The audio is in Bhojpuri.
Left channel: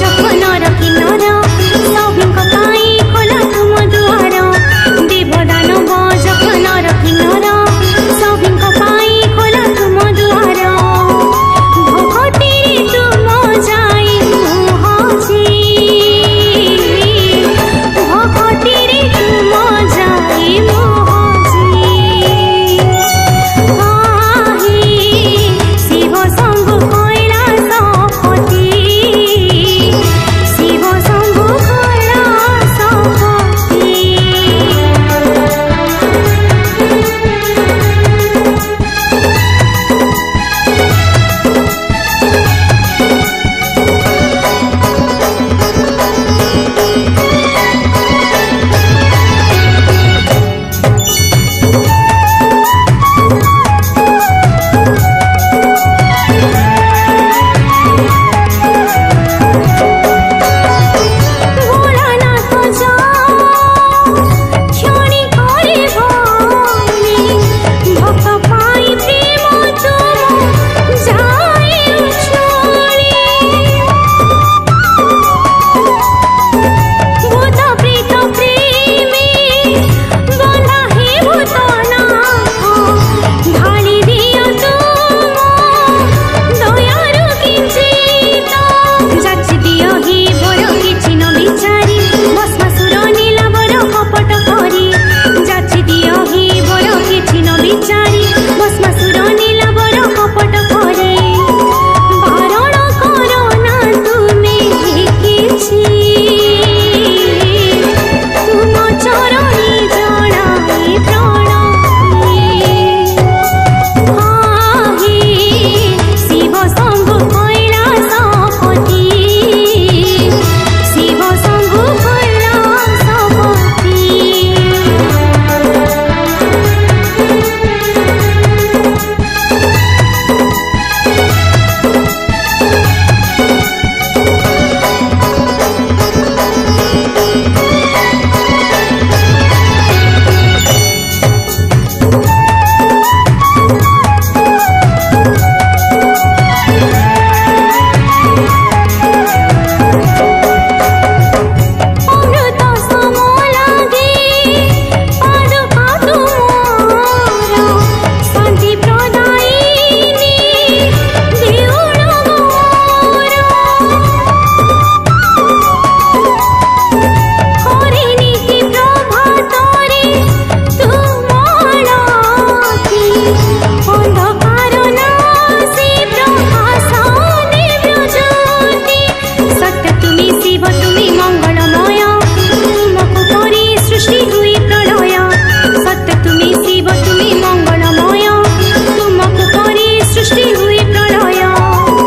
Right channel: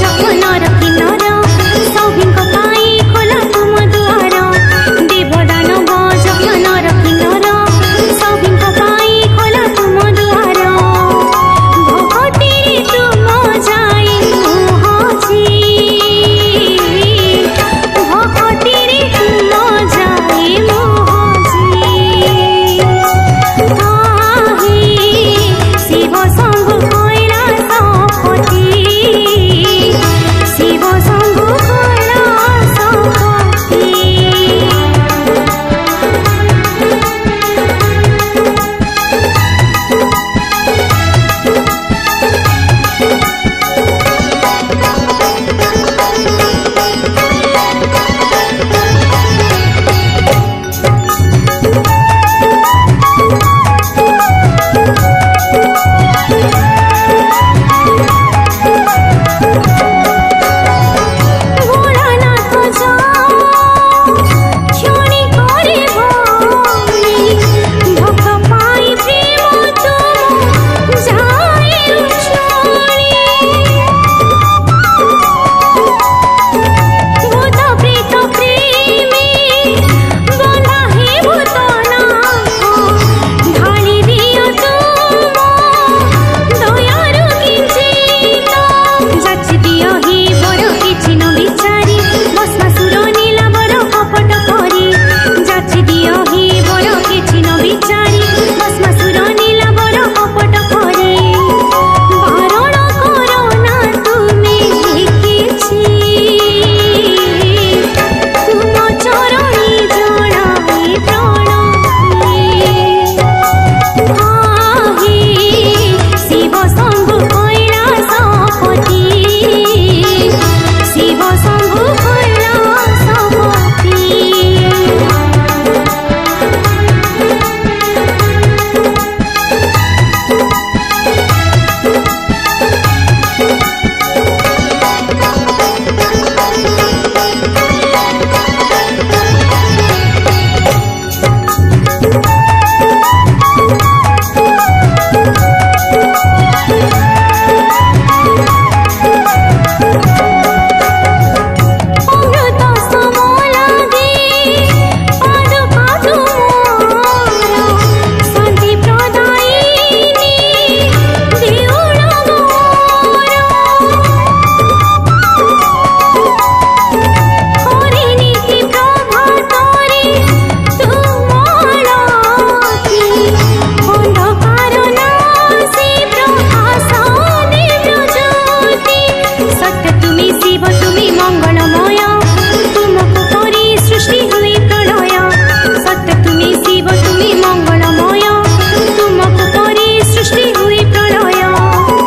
जखनर किन्नर सभिंक पाई खोला तुम दुआर देवदानव जखनर किन्नर सभिंक पाई खोला तुम दुआर भगती तुम जाई मुहजी भगती तुम जाई मुहजी शिव शंभु कैलासपति शिव शंभु कैलासपति बिचारी भस्मासुर नीलावर कपट करी जाची दियो ही बर किछि न बिचारी भस्मासुर नीलावर कपट करी बारण करो ना तुमे किछि तुम चरणी जड़ाई प्रणति हाहि शिव शंभु कैलासपति शिव शंभु कैलासपति तुमी शिव तुमी मंगलमय तुमको करी सृष्टि हुई प्रलय सत्य तुमी शिव तुमी मंगलमय तुमको करी सृष्टि हुई प्रलय।